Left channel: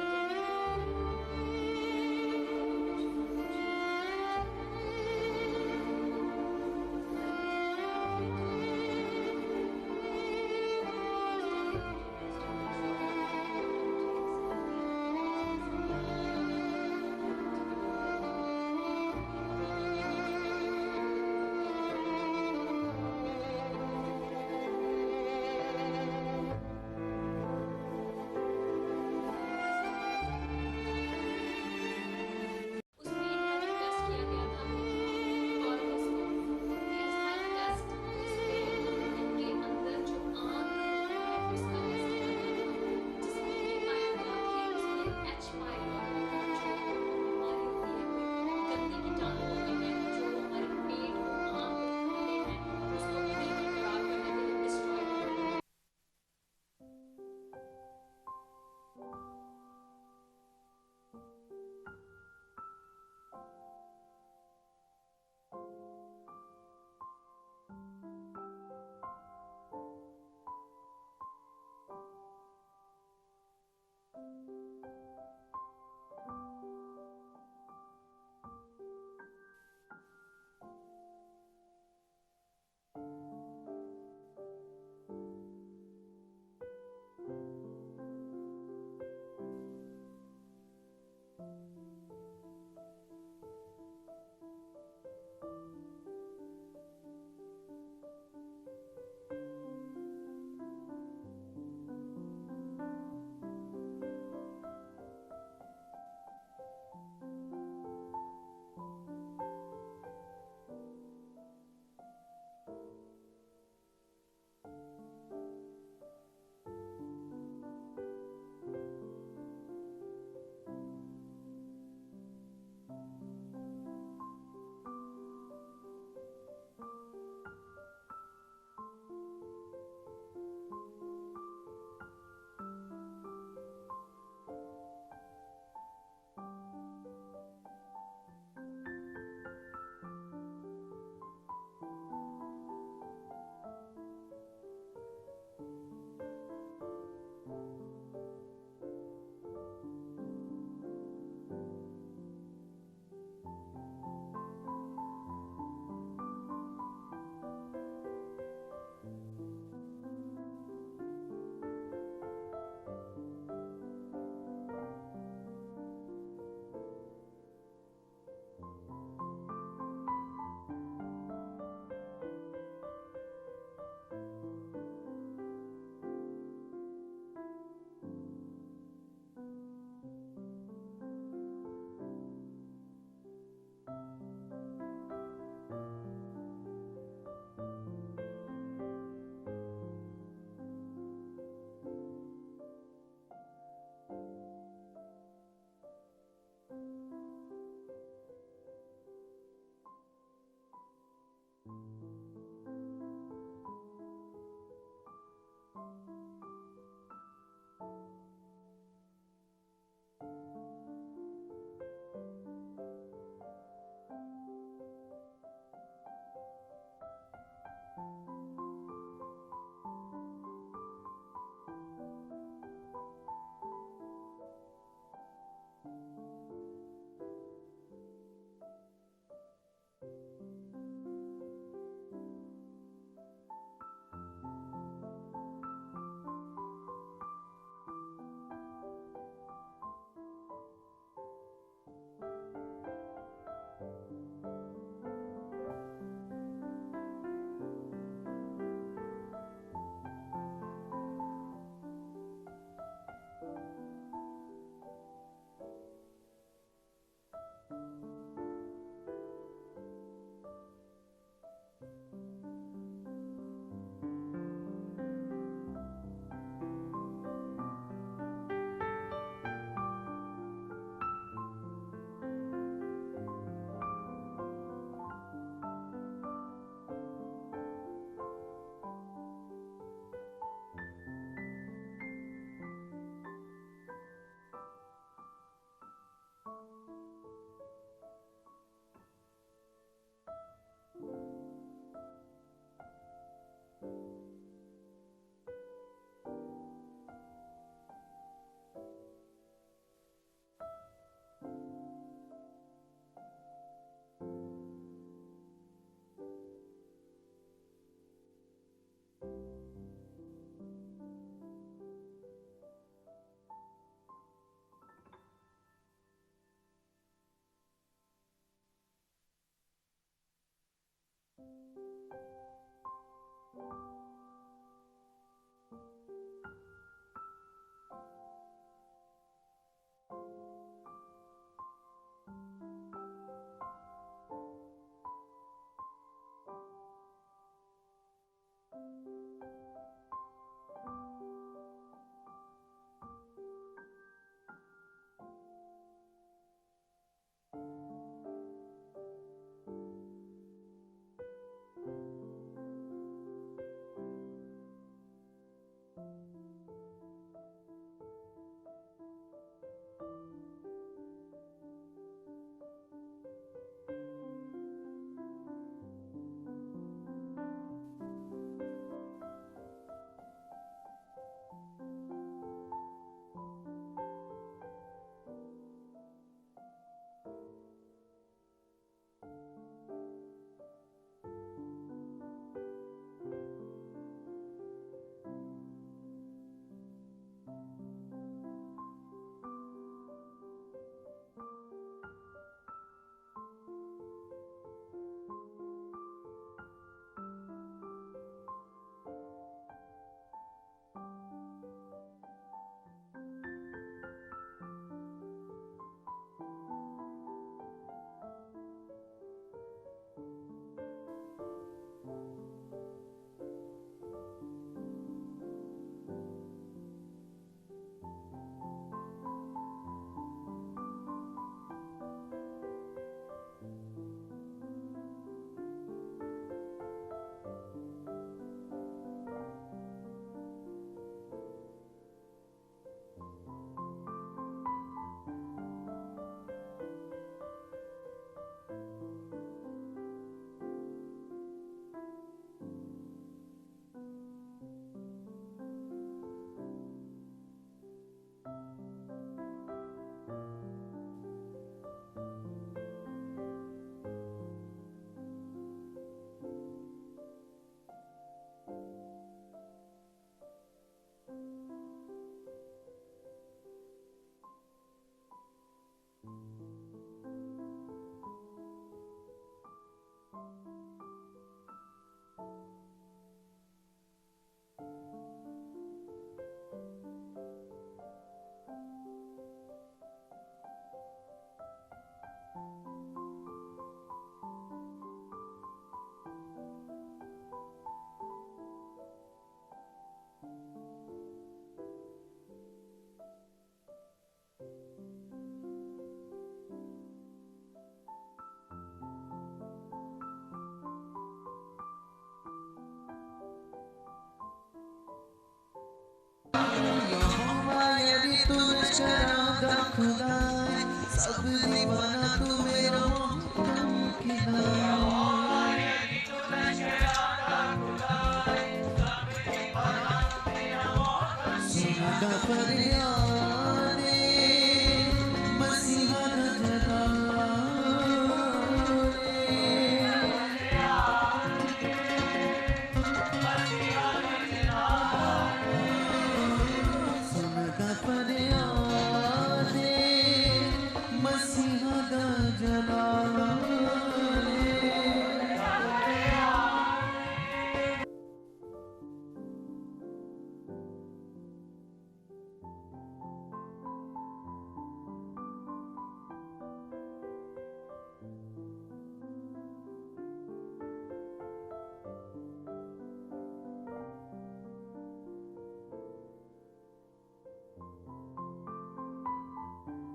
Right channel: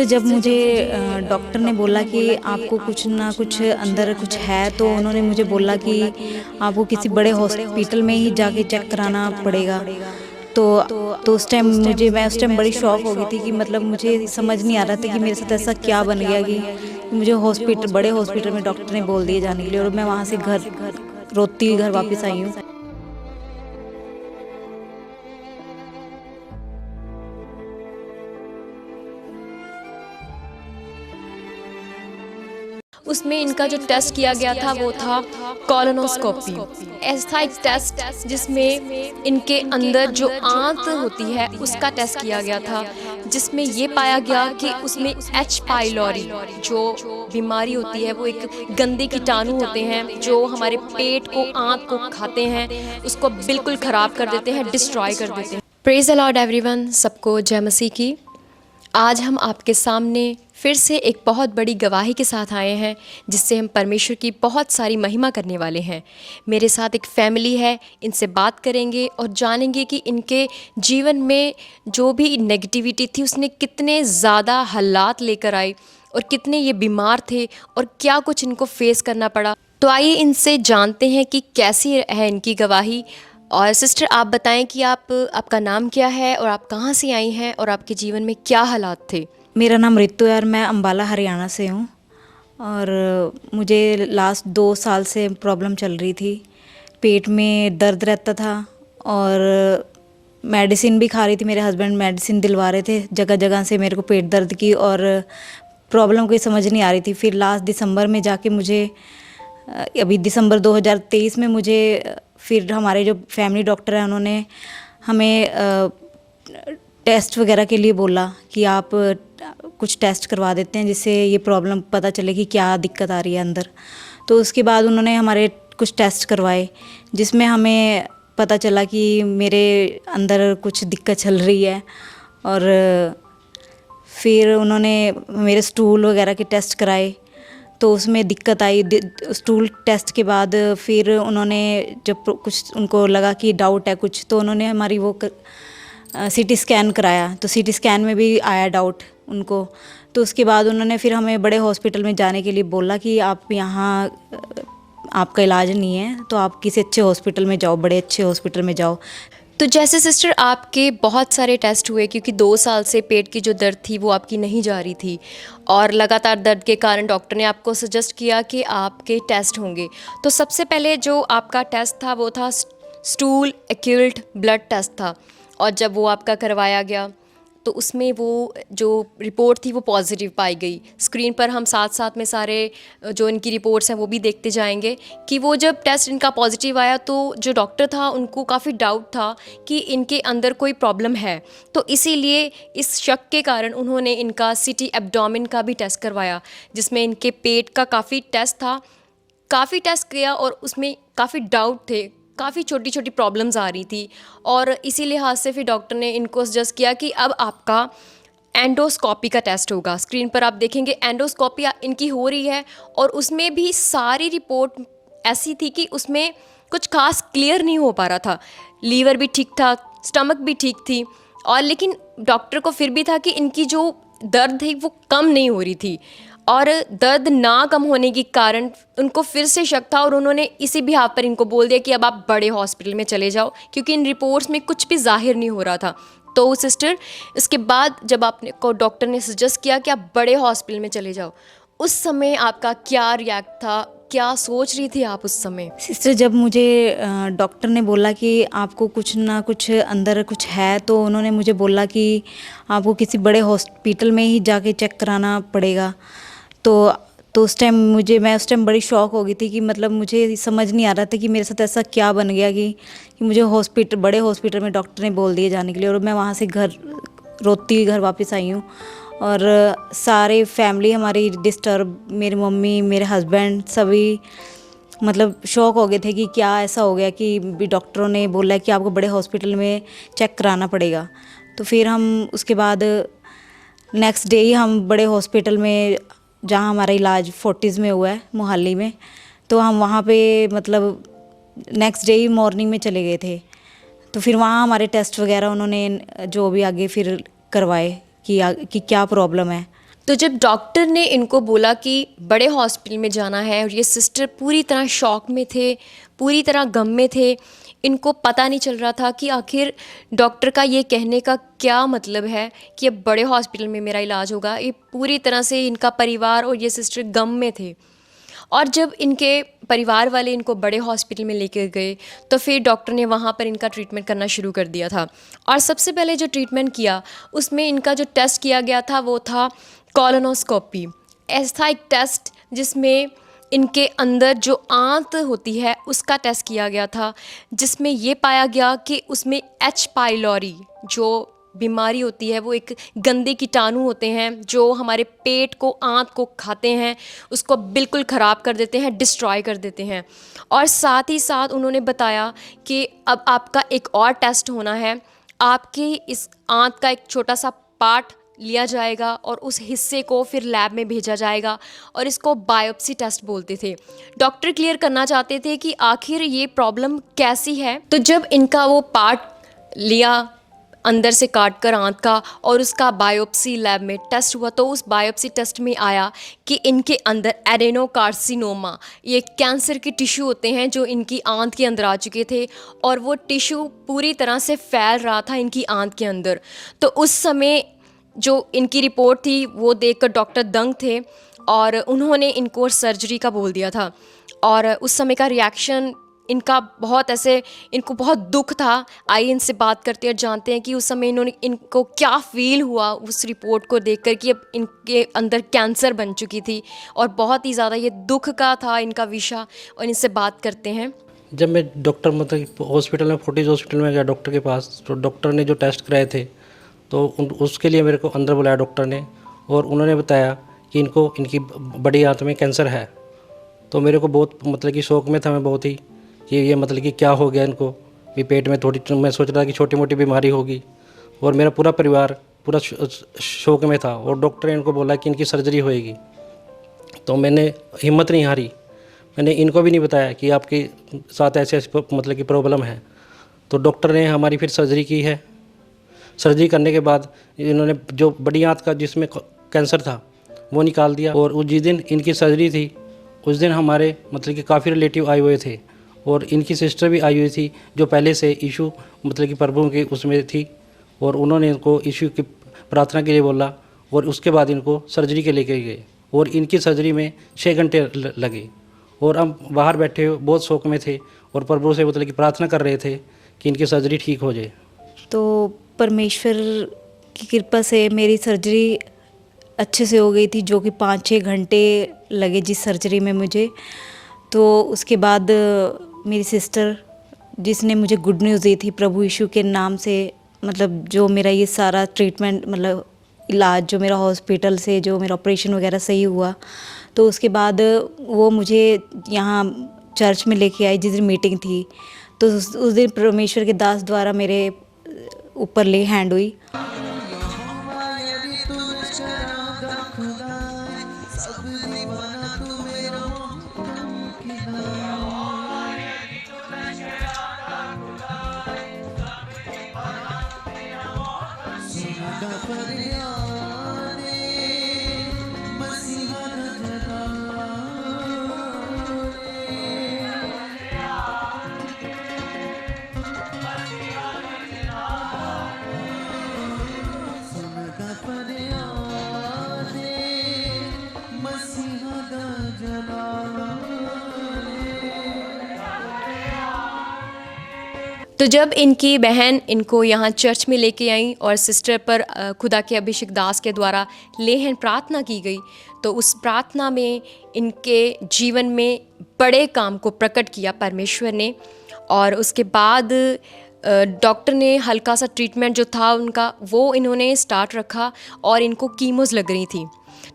Sister, जब मुझे doctor ने बोला कि आपको कुछ ना कुछ अंदर कुछ है, तो उन्होंने मुझे बोला कि आपको किसी बड़े हॉस्पिटल में ही जाके चेक कराना पड़ेगा। तो तो उस टाइम मैं उस टाइम बड़ी शॉक हो गई थी कि मतलब मुझे समझ नहीं आ रहा था कि मेरे साथ ऐसा क्या बन गया कि मुझे बड़े हॉस्पिटल में डॉक्टर ने बोल दिए जाने के लिए, और मैं वहाँ से घर रोती हुई घर वापस आई हूँ। उसमें इनका जो टेस्ट किया गया था वो था कॉलोनोस्कोपी। ऐसा एक टेस्ट जिसमें इनके अंदर जो आंत होती है उसका टेस्ट किया गया था, जिसमें ये पाया गया कि उसमें एच पाइलोरी जो बीमारी होती है, वो एक गंदे कीटाणु होते हैं जो हमारे पेट को, आंत को खाते हैं, उसको बिल्कुल ख़राब कर देते हैं, डिस्ट्रॉय कर देते हैं। प्रेज़ द लॉर्ड एवरीवन, सबको जय मसीह की। आज हम आपके सामने फिर से एक बहुत बड़ी गवाही के साथ आए हैं, जिससे हम परमेश्वर की बहुत सारी महिमा करने वाले हैं। मेरे साथ एक फैमिली है, इनसे बात करेंगे और जानेंगे कि इनके जीवन में जो भी नेगेटिविटी थी उसने कितने ज़्यादा हालात लेकर आई और कितने ये बीमार थे और क्या कुछ इनको फेस करना पड़ा। तो आइए इनसे जानते हैं कि कैसी है इनकी गवाही। और सिस्टर, आप बताएं कि आपका नाम क्या है और आप कहाँ से आई हैं और आपके जीवन में क्या हालात थे? मेरा नाम रितु है और मैं अंबाला हरियाणा से हूँ। और मुझे लास्ट 2 साल से प्रॉब्लम चल रही थी। पेट में दर्द रहता था और मेडिसिन भी खा रही थी। मेरे हस्बैंड मेडिसिन दिलवा रहे थे जगह जगह से मेरे को पेट दर्द की, और प्रॉब्लम कोई समझ नहीं आ रही थी। फिर लास्ट दिसंबर में जाके मुझे अभी दिसंबर 2023 में मुझे फिर हमारे जो फैमिली डॉक्टर हैं उन्होंने हमें टेस्ट वगैरह के लिए बोला कि आप कुछ टेस्ट करवा देते हैं जिससे ये प्रॉब्लम पता चले कि क्या दिक्कत आ रही है अंदर। तो उसके बाद उन्होंने हमारे कुछ टेस्ट करवाए, जिसमें हमें पता चला कि मेरे अंदर कुछ दिक्कत चल रही है। और फिर उन्होंने मेरे स्टूल वगैरह के टेस्ट कराए, तो उसमें दिक्कत आई। स्टूल टेस्ट के बाद फिर उन्होंने जब कुछ उनको लगा कि डाउट है कुछ, तो उन्होंने हमारी वो सीटी स्कैन कराया, तो सीटी स्कैन में भी आया डाउट उनको। तो उसके बाद उन्होंने फिर हमें बड़े हॉस्पिटल में जाने के लिए बोला कि आप यहाँ आपका इलाज नहीं है, तो आप किसी अच्छे हॉस्पिटल में जाओ, बड़े अच्छे हॉस्पिटल में जाओ। तो जैसे सिस्टर, आपके बहुत सारे टेस्ट हुए क्योंकि 2 साल से पेट की जो दर्द थी वो आपकी नहीं जा रही थी, और लगातार दर्द के कारण डॉक्टर ने आपको सजेस्ट किया कि आपके टेस्ट होंगे। तो सबसे पहले जो आपका टेस्ट था वो था स्टूल एक्यूल्ट ब्लड टेस्ट था, और जब वो आपका करवाया गया तो उसमें वो जो रिपोर्ट थी वो पॉजिटिव पाई गई। स्क्रीन पर हम साथ साथ में सारे जो इनकी रिपोर्ट्स हैं वो भी देखते जाएंगे कि वो जब टेस्ट इनका पॉजिटिव आया तो जो डॉक्टर था उनको काफ़ी डाउट था कि इनके अंदर कोई प्रॉब्लम है। तो इसीलिए इस शक के कारण उन्होंने इनका सिटी एब्डोमेन का भी टेस्ट करवाया, जिसमें इनके पेट का काफ़ी टेस्ट था। काफ़ी टेस्ट किया और उसमें काफ़ी डाउट थे, काफ़ी छोटी छोटी प्रॉब्लम्स आ रही थी, और इसी लिहाज से फिर डॉक्टर ने इनको सजेस्ट किया कि अब आपका एंडोस्कोपी का टेस्ट होगा। स्क्रीन पर आप देखेंगे एंडोस्कोपी इनकी हो रही है, और उसमें भी सारी रिपोर्ट ऐसी थी कि उसमें कुछ खास क्लियर नहीं हो पा रहा था। लीवर भी ठीक था, स्टमक भी ठीक थी, और लेकिन डॉक्टर को फिर भी था कि इनकी जो दर्द है वो कम नहीं हो रही थी, और दर्द ना कम होने के कारण उनको फिर से शक था, और उन्होंने इसी भी हाथ पर इनको बोल दिया कि अब आप बड़े हॉस्पिटल में चले जाओ, क्योंकि इन रिपोर्ट्स में कुछ भी जाहिर नहीं हो रहा था। तो सिस्टर, इसके बाद जब आपने को डॉक्टर ने सजेस्ट किया कि आप बड़े हॉस्पिटल में चले जाओ, उस समय आपका क्या रिएक्ट था, क्या सोच रही थी आप उस समय? सिस्टर, जब मुझे डॉक्टर ने बोला कि आपको कुछ ना कुछ अंदर कुछ है, तो उन्होंने मुझे बोला कि आपको किसी बड़े हॉस्पिटल में ही जाके चेक कराना पड़ेगा। तो उस टाइम मैं उस टाइम बड़ी शॉक हो गई थी कि मतलब मुझे समझ नहीं आ रहा था कि मेरे साथ ऐसा क्या बन गया कि मुझे बड़े हॉस्पिटल में डॉक्टर ने बोल दिए जाने के लिए, और मैं वहाँ से घर रोती हुई घर वापस आई हूँ। और सारे फैमिली हमारी डिस्टर्ब, मेरी मम्मी, मेरे हस्बैंड, सभी मतलब शॉक हो गए थे कि क्या ऐसा हो गया कि डॉक्टरों ने बोला कि आपको बड़े हॉस्पिटल में चेक कराना पड़ेगा। तो फिर हम उसके बाद नेक्स्ट डे ही हम बड़े हॉस्पिटल में, जहाँ हमारा इलाज फोर्टिस में हुआ है मोहाली में, तो हम वहाँ पे मतलब नेक्स्ट डे ही मॉर्निंग में चले गए थे। तो फिर वहाँ हमारे टेस्ट वगैरह उन्होंने जो भी आगे फिर करवाए कि क्या प्रॉब्लम है। तो जब डॉक्टर ने इनको बोला कि बड़े हॉस्पिटल में जाना है, और ये सिस्टर पूरी तरह शॉक में थे, पूरी तरह गम में थे, इनको पता नहीं चल रहा था कि आखिर डॉक्टर का ये कहने का क्या मतलब है कि अब बड़े हॉस्पिटल में मेरा इलाज होगा। ये पूरी तरह से इनका परिवार और ये सिस्टर गम में थे। और जब इनके परिवार वाले इनको बड़े हॉस्पिटल में लेकर गए तो फिर डॉक्टर ने वहाँ पर इनका ट्रीटमेंट करना शुरू कर दिया था। और सबसे पहले जो ट्रीटमेंट किया उसमें इनका जो टेस्ट किया गया था वो था कॉलोनोस्कोपी। ऐसा एक टेस्ट जिसमें इनके अंदर जो आंत होती है उसका टेस्ट किया गया था, जिसमें ये पाया गया कि उसमें एच पाइलोरी जो बीमारी होती है, वो एक गंदे कीटाणु होते हैं जो हमारे पेट को, आंत को खाते हैं, उसको बिल्कुल ख़राब कर देते हैं, डिस्ट्रॉय कर देते हैं। और साथ ही साथ उन्होंने बताया कि अब आपका एक और टेस्ट होना है, आपकी इस आंत का एक छोटा सा पार्ट लिया जाएगा और उस हिस्से को फिर लैब में भेजा जाएगा, और इसको बायोप्सी टेस्ट बोलते थे। डॉक्टर क्लियर करना चाहते थे कि आखिर ये प्रॉब्लम कैसी है। तो जब इनका वो पार्ट लिया अंदर से काट कर आंत का, और उसका बायोप्सी लैब में टेस्ट हुआ, तो उस बायोप्सी टेस्ट में आया कि इनके अंदर एडेनोकार्सिनोमा, ये कैंसर के टिश्यू होते हैं जो इनकी आंत के अंदर आ चुके थे, और वो टिश्यू पूरी तरह से फैल रहा था इनकी आंत के अंदर। तो उस समय जो इनकी रिपोर्ट थी वो देखकर डॉक्टर दंग थे, और उन्होंने इनको सर्जरी का बोल दिया था। और उस समय का रिएक्शन इनका बहुत ऐसे, इनको बहुत दुख था। आइए इनसे बात करते हैं और जानते हैं कि उस समय इनको क्या फ़ील हुआ उस रिपोर्ट को देखकर कि अब इनके अंदर कैंसर बन चुकी थी, और बहुत ही ज़्यादा ये दुख का था इनका विषय। और इनसे बात करते हैं। जब मैं डॉक्टर मतलब हॉस्पिटल में, फोर्टिस हॉस्पिटल में गया डॉक्टर के पास, तो डॉक्टर ने जो टेस्ट कराए थे तो उसके लिए मेरे को अंदर बुलाया डॉक्टर ने, और उन्होंने बताया कि इनको, इनकी बड़ी आंत में कैंसर है। तो मेरे को बहुत मतलब कि शौक में था मैं बहुत ही कि ये मतलब कि क्या हो गया इनको भी, पेट में थोड़ी, मैं सोच रहा था कि छोटी मोटी बीमारी होगी, और मेरा पूरा परिवार पूरा शौक में था। और डॉक्टर ने इनको बोला कि इनकी सर्जरी होएगी। तो मैंने हिम्मत नहीं हारी, मैंने इनको भी नहीं बताया कि आपके साथ ऐसे ऐसे मतलब कि प्रॉब्लम है। तो डॉक्टर ने हमारी फिर सर्जरी की है। सर्जरी करने के बाद इन्होंने जो बड़ी आंत का जिसमें कैंसर था वो निकाल दिया। और उस जिस दिन इनकी सर्जरी थी उस दिन हमारे मतलब कि काफ़ी रिलेटिव आए हुए थे, और इनकी सिस्टर भी आई हुई थी जो पहले से इशू मतलब कि प्रभु के उसमें थी, और उन्होंने इनको इशू की प्रार्थना के लिए बोला, और उसके बाद इनको सर्जरी के लेके गए, और इनकी सर्जरी में 6 घंटे लगे। और हम बाहर बैठे बहुत शौक में थे और प्रभु से मतलब कि प्रार्थना कर रहे थे कि इनकी सर्जरी ठीक हो जाए। तो परमेश्वर की कृपा से मेरी सर्जरी अच्छे से हो गई थी, जो कि 5-6 घंटे लगे जिस सर्जरी में मुझे। तो उसके बाद मेरी सिस्टर, जिसने मुझे गुड न्यूज़ दी थी प्रभु यीशु के नाम से, मतलब जो मेरा ये सारा ट्रीटमेंट, मतलब इलाज जो मेरा हॉस्पिटल से जो मेरा ऑपरेशन वगैरह सही हुआ, तो उसके बाद वो मुझे यहाँ चर्च में लेके आई जिस दिन मीटिंग थी। तो उस दिन परमेश्वर के दास द्वारा मेरे ऊपर ले हैंड हुई। तो जब इनकी बहन इनको यहाँ चर्च में लेके आई और सिस्टर पर खुदा के अभिषेक दास के द्वारा लेहन प्रार्थना की गई, तो उस प्रार्थना में इनके जीवन में बड़े काम को प्रकट किया परमेश्वर ने। और उसके बाद डॉक्टर ने हल्का सा ट्रीटमेंट जो था उनका वो इन्होंने स्टार्ट रखा, और इनको कीमोज लग रही थी।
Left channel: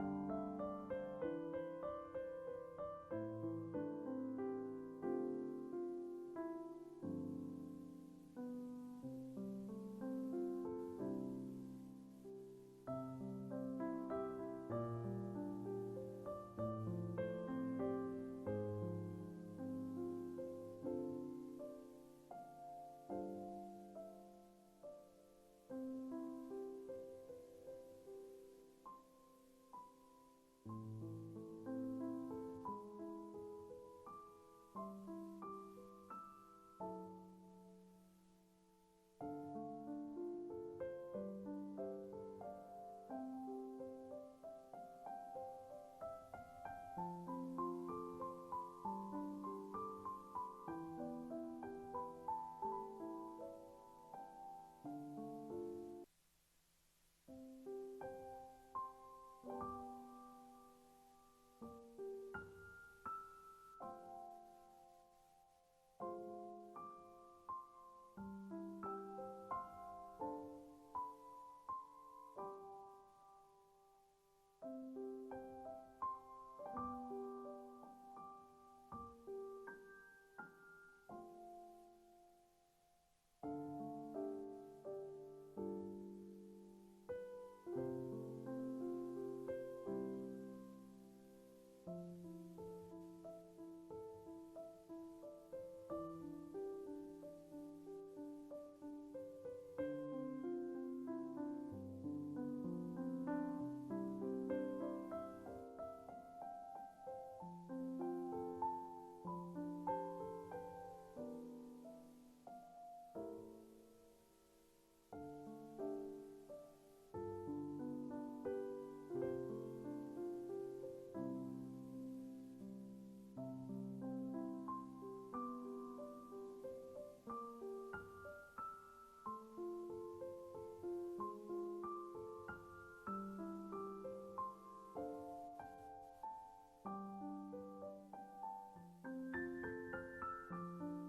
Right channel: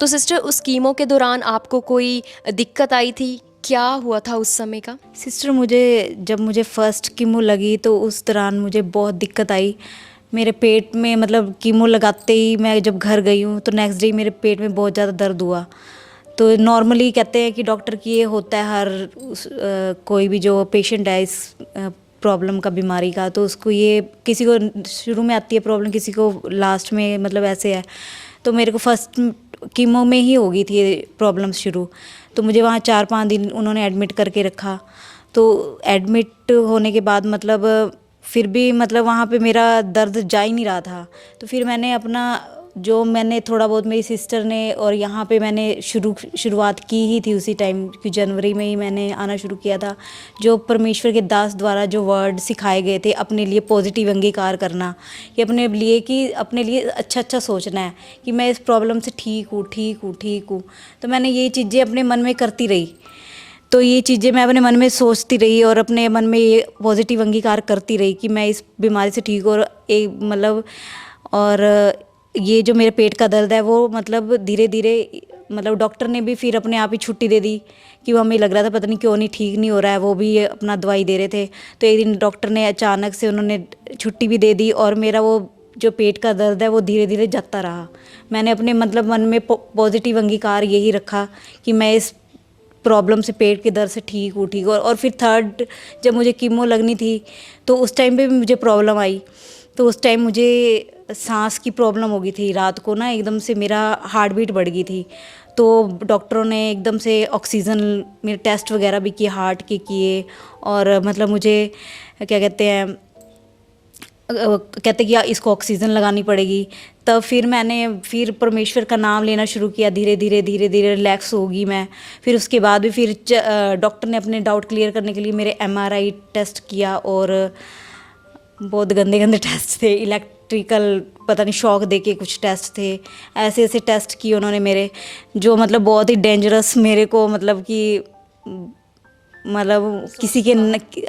तो सिस्टर, उस कीमो के दौरान आपको कोई दिक्कत आई थी? क्या हुआ था उस समय का? सिस्टर, जब मुझे फर्स्ट कीमो लगी तो उस दौरान मुझे बहुत दिक्कत आई। मेरे पेट में, मतलब कीमो लगाते ही मैं जब घर गई हूँ तो नेक्स्ट डे मेरे पेट में बहुत ज़्यादा दर्द हुआ। तो नॉर्मली कहते हैं कि डॉक्टर की ये होता है हर कोई भी जो पेशेंट है इस प्रॉब्लम का, बीमारी का, तो उसको ये किसी को शुरू में आती है प्रॉब्लम, किसी को लास्ट में, मतलब ऐसे है। तो मेरे को फर्स्ट कीमो में ही हो गई थी प्रॉब्लम शुरू। तो मुझे वहाँ 4-5 दिन उन्होंने एडमिट करके रखा। तो एडमिट होने के बाद मतलब फिर भी मतलब वहाँ पे मेरा दर्द जा ही नहीं रहा था। तो फिर मैंने अपना जो मैंने थोड़ा बहुत, मेरी सिस्टर ने और यहाँ पे मैंने शुरुआत की ही थी उसी टाइम, कि जनवरी में ही मैंने आना शुरू किया था। जो परमेश्वर के दास द्वारा जो वर्ड सिखाए गए थे, अपने लिए पॉजिटिव अंगीकार करना, कि अपने लिए, कि अपने लिए अच्छा अच्छा सोचना है कि मैं इस प्रॉब्लम से ठीक हूँ, ठीक हूँ, ठीक हूँ। तो मैंने ये चीज़ें अपने मन में करती रही। तो ये चीज़ें मैं अपने मन में सोचती रही और अपने मन में ये पॉजिटिव अंगीकार करती रही कि मैं इस बीमारी से ठीक हूँ। और एक मतलब, और ये जो मेरे पेट का दर्द है वो मतलब धीरे धीरे, मतलब डॉक्टर ने भी फिर अपने आप ही छुट्टी दे दी, कि वो हमें लग रहा था पता नहीं क्यों नहीं ठीक नहीं हो रहा है। वो भी अपना दवाई दे रहे थे। तो एक दिन डॉक्टर ने अचानक से उन्होंने छुट्टी भी दे दी और मेरा वो जो पेट का दर्द है वो धीरे धीरे जाता रहा। मैंने अपने मतलब मन में पॉजिटिव अंगीकार यही रखा कि मैं इस प्रॉब्लम से, पेट के दर्द से ठीक हूँ, ठीक। और फिर थर्ड, जब मुझे कीमो लगनी थी तो उस टाइम पे भी मुझे प्रॉब्लम आई। तो उस टाइम मुझे सांस की प्रॉब्लम हो गई थी। रात को ना एकदम से मेरा हार्ट बीट बढ़ गई थी। तो डॉक्टरों ने एकदम से ऑक्सीजन, मेरे टेस्ट वगैरह भी किए, हार्ट के किए। और मतलब मुझे क्या कहते हैं कि इसको ऑक्सीजन लगानी पड़ेगी। तब फिर मैंने फिर परमेश्वर का नाम लेना शुरू किया। धीरे धीरे धीरे धीरे रिलैक्स होगी मैं। फिर उसके बाद भी फिर डॉक्टर ने अपने डाउट क्लियर करने के लिए मेरे MRI टेस्ट किया। और बहुत गंदे गंदे टेस्ट थे, इलेक्ट्रिकल पता नहीं शॉक दे के कुछ टेस्ट थे। ऐसे ऐसे टेस्ट किए उन्होंने मेरे, जो मतलब बहुत ही डेंजरस मेरे को, मतलब कि मतलब किसी के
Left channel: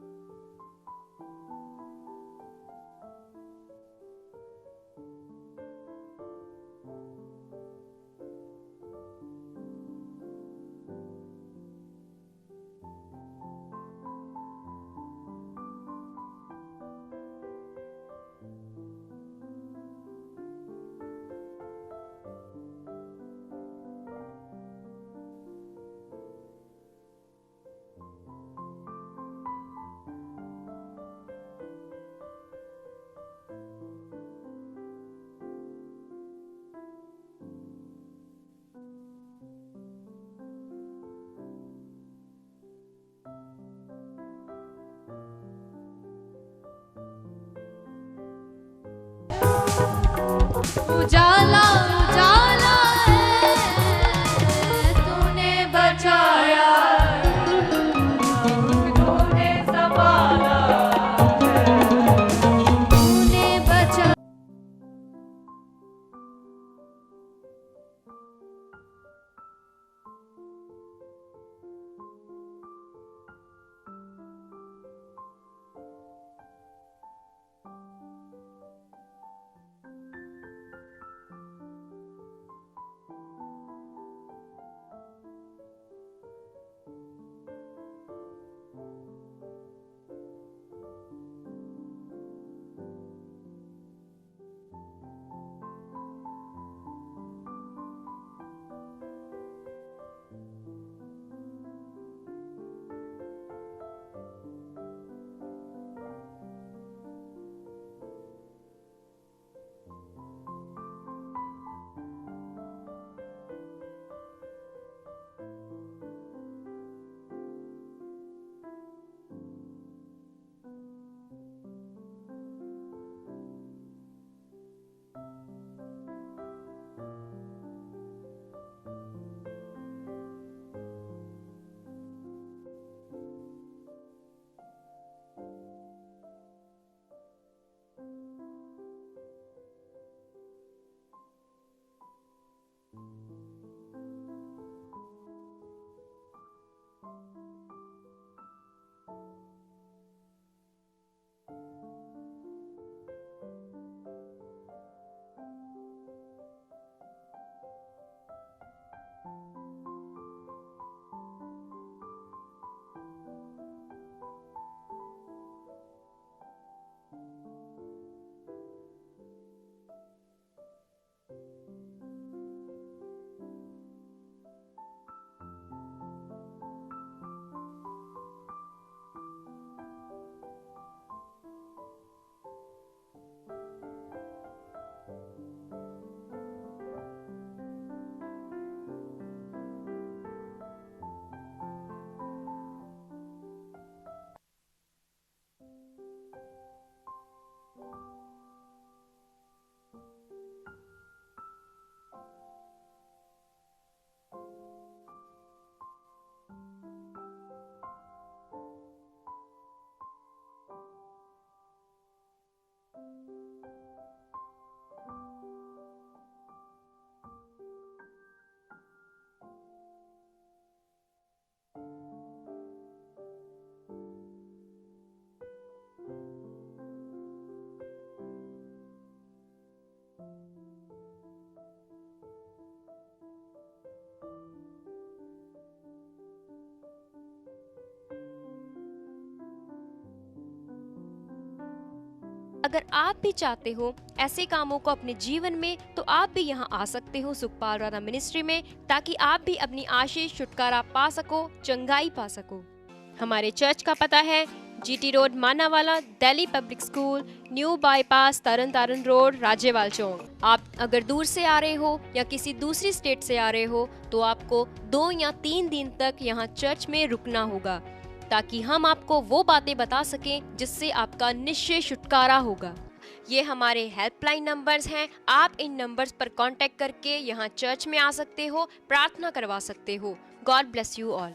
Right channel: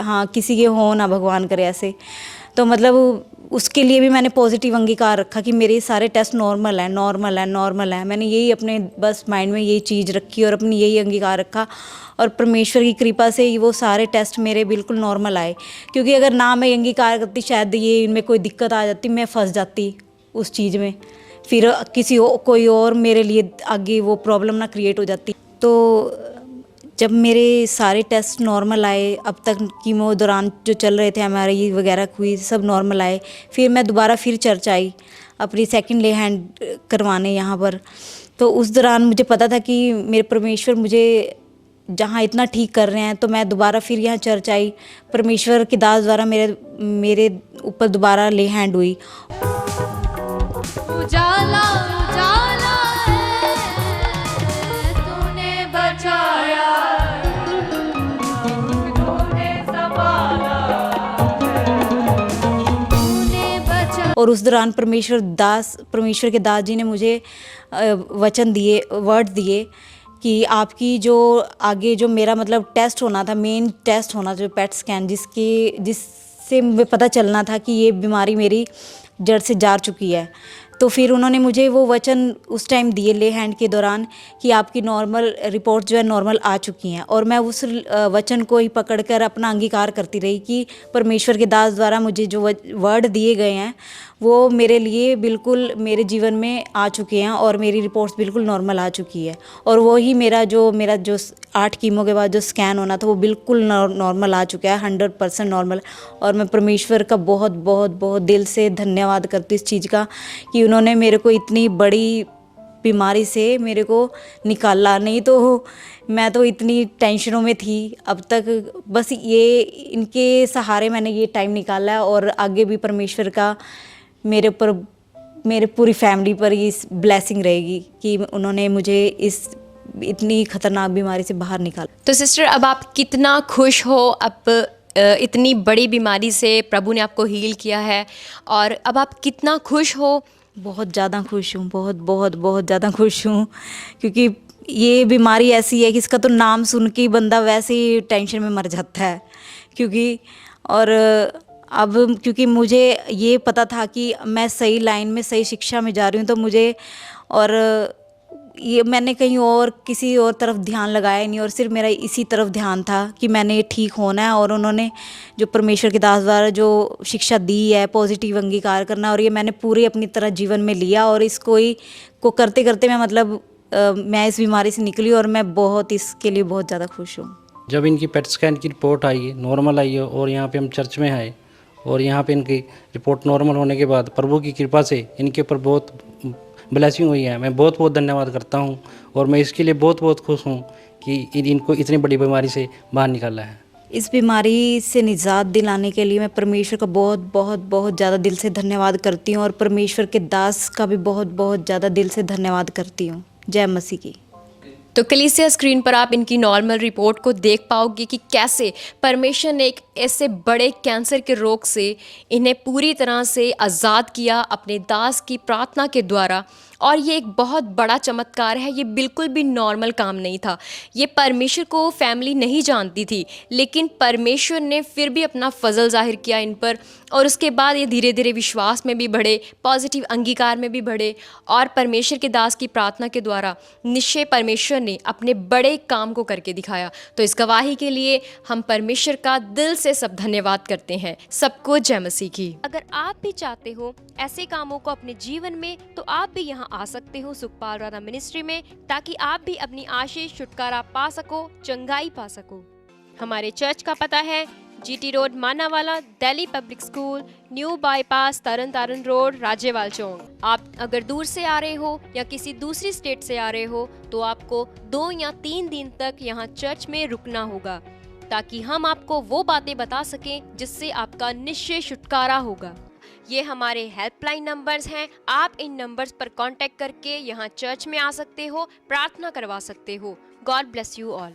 हाँ, किसी के हो ना, भगवान करे ऐसे। तो मतलब उसके लिए भी मैंने पॉजिटिव अंगीकार रखा कि मेरे सारे टेस्ट नॉर्मल है, नॉर्मल है, नॉर्मल है। मैंने यही अपने बस माइंड में यही चीज़ रखी और अपनी यही अंगीकार रखा। और परमेश्वर की कृपा से ही वो सारे टेस्ट मेरे बिल्कुल नॉर्मल आए। क्योंकि अगर ना मैं अंगीकार करती, शायद ये इनमें कोई दिक्कत आ जाती, मैं फंस जाती उस चीज़ में, फिर कोई और मेरे लिए आगे वो प्रॉब्लम ना क्रिएट हो जाती। तो जब मेरे सारे टेस्ट नॉर्मल आए, अब तक कीमो दौरान जो चल रहे थे, MRI वगैरह हुई, सब नॉर्मल आए। फिर मैं दोबारा फिर चर्च आई अपनी सेकंड ले हैंड करवाने यहाँ पर। तो उस दौरान मुझे पता था कि मेरे परमेश्वर मुझे जहाँ इतना ठीक कर रहे हैं, तो मैं दोबारा फिर यहाँ चर्च आई। परमेश्वर के दास द्वारा मेरे ऊपर दोबारा ले हैंड हुई। उजाला उजाला है, तूने बचाया, तूने संभाला, तूने बचाया। और उस दौरान परमेश्वर के दास जी ने मुझे वचन दिए, वर्ड दिए कि आपकी जो आगे जो मेरा मतलब टेस्ट होना था, मेन टेस्ट होना, जो पेट स्कैन, जिससे मुझे पता चलना था कि ये बीमारी मेरी जड़ से जा चुकी है। तो फिर उन्होंने मुझे वो वचन उस टाइम दिए ले हैंड के दौरान कि आपकी नॉर्मल रिपोर्ट जो है नॉर्मल आ चुकी हैं। और मैं उस वचन को ही पकड़कर अपना अंगीकार करती रही कि परमेश्वर के दास द्वारा मुझे जो वर्ड दिए गए हैं वो मेरे लिए बिल्कुल मेरे जीवन में आ चुके हैं और मेरी रिपोर्ट्स बिल्कुल नॉर्मल आ चुकी है। और वो ही मेरा जो 8 कीमो के बाद जो स्कैन होना था वो बिल्कुल नॉर्मल आ चुका है, 100% नॉर्मल। और मैं परमेश्वर का बहुत बहुत बहुत दिल से धन्यवाद करती इस चीज़ का कि उन्होंने मेरे को इतनी बड़ी बीमारी से मेरे को निकाला। नहीं तो मैं तो इतनी टेंशनों में थी अब तक। बस ये इनके सहारे मैंने ये टाइम निकाला है। और आगे भी परमेश्वर का मेरे ऊपर, मेरे पूरी फैमिली पर ये ब्लेसिंग रहेगी कि उन्होंने मुझे इस इतनी खतरनाक बीमारी से बाहर निकाला। तो सिस्टर, अब आप कितना खुश हो? अब इतनी बड़ी बीमारी से प्रभु ने आपको हील किया है और अब आप कितना खुश हो? बहुत ज़्यादा खुश हूँ, बहुत बहुत बहुत ज़्यादा खुश हूँ। क्योंकि ये बीमारी ऐसी है कि इसका तो नाम सुन के ही बंदा वैसे ही टेंशन में मर जाता है। और अब क्योंकि मुझे ये पता था कि मैं सही लाइन में, सही शिक्षा में जा रही हूँ, तो मुझे, और ये मैंने कहीं और किसी और तरफ ध्यान लगाया नहीं और सिर्फ मेरा इसी तरफ ध्यान था कि मैंने ठीक होना है। और उन्होंने जो परमेश्वर के दास द्वारा जो शिक्षा दी है, पॉजिटिव अंगीकार करना, और ये मैंने पूरे अपनी तरह जीवन में लिया। और इसको ही को करते करते मैं मतलब मैं इस बीमारी से निकली और मैं बहुत इसके लिए बहुत ज़्यादा खुश हूँ। जब इनकी पेट स्कैन की रिपोर्ट आई है, नॉर्मल आई है, और यहाँ पे हम चर्च में आए और यहाँ पे इनकी रिपोर्ट नॉर्मल होने के बाद प्रभु की कृपा से इनके ऊपर बहुत ब्लेसिंग हुई है। मैं बहुत बहुत धन्यवाद करता हूँ और मैं इसके लिए बहुत बहुत खुश हूँ कि इनको इतनी बड़ी बीमारी से बाहर निकाला है। इस बीमारी से निजात दिलाने के लिए मैं परमेश्वर का बहुत बहुत बहुत ज़्यादा दिल से धन्यवाद करती हूँ और परमेश्वर के दास का भी बहुत बहुत ज़्यादा दिल से धन्यवाद करती हूँ। जय मसीह की। तो कलीसिया स्क्रीन पर आप इनकी नॉर्मल रिपोर्ट को देख पाओगे कि कैसे परमेश्वर ने एक ऐसे बड़े कैंसर के रोग से इन्हें पूरी तरह से आज़ाद किया अपने दास की प्रार्थना के द्वारा। और ये एक बहुत बड़ा चमत्कार है, ये बिल्कुल भी नॉर्मल काम नहीं था। ये परमेश्वर को फैमिली नहीं जानती थी, लेकिन परमेश्वर ने फिर भी अपना फजल जाहिर किया इन पर और उसके बाद ये धीरे धीरे विश्वास में भी बढ़े, पॉजिटिव अंगीकार में भी बढ़े और परमेश्वर के दास की प्रार्थना के द्वारा निश्चय परमेश्वर ने अपने बड़े काम को करके दिखाया। तो इस गवाही के लिए हम परमेश्वर का दिल से सब धन्यवाद करते हैं। सबको जय मसीह की। अगर आप भी चाहते हो ऐसे कामों को अपने जीवन में, तो आप भी यहाँ आ सकते हो सुखपाल राणा मिनिस्ट्री में, ताकि आप भी अपनी आशीष छुटकारा पा सको, चंगाई पा सको। हमारे चर्च का पता है GT road Manawala, Delhi public school, new bypass, Tarn Taran road, Rajyawal chowk. आप अगर दूर से आ रहे हो या किसी दूसरी स्टेट से आ रहे हो तो आपको 2 या 3 दिन तक यहाँ चर्च में रुकना होगा, ताकि हम आपको वो बातें बता सकें जिससे आपका निश्चय छुटकारा होगा। ये हमारे हेल्पलाइन नंबर्स हैं, आप इन नंबर्स पर कांटेक्ट करके यहाँ चर्च में आ सकते हो, प्रार्थना करवा सकते हो। God bless you all.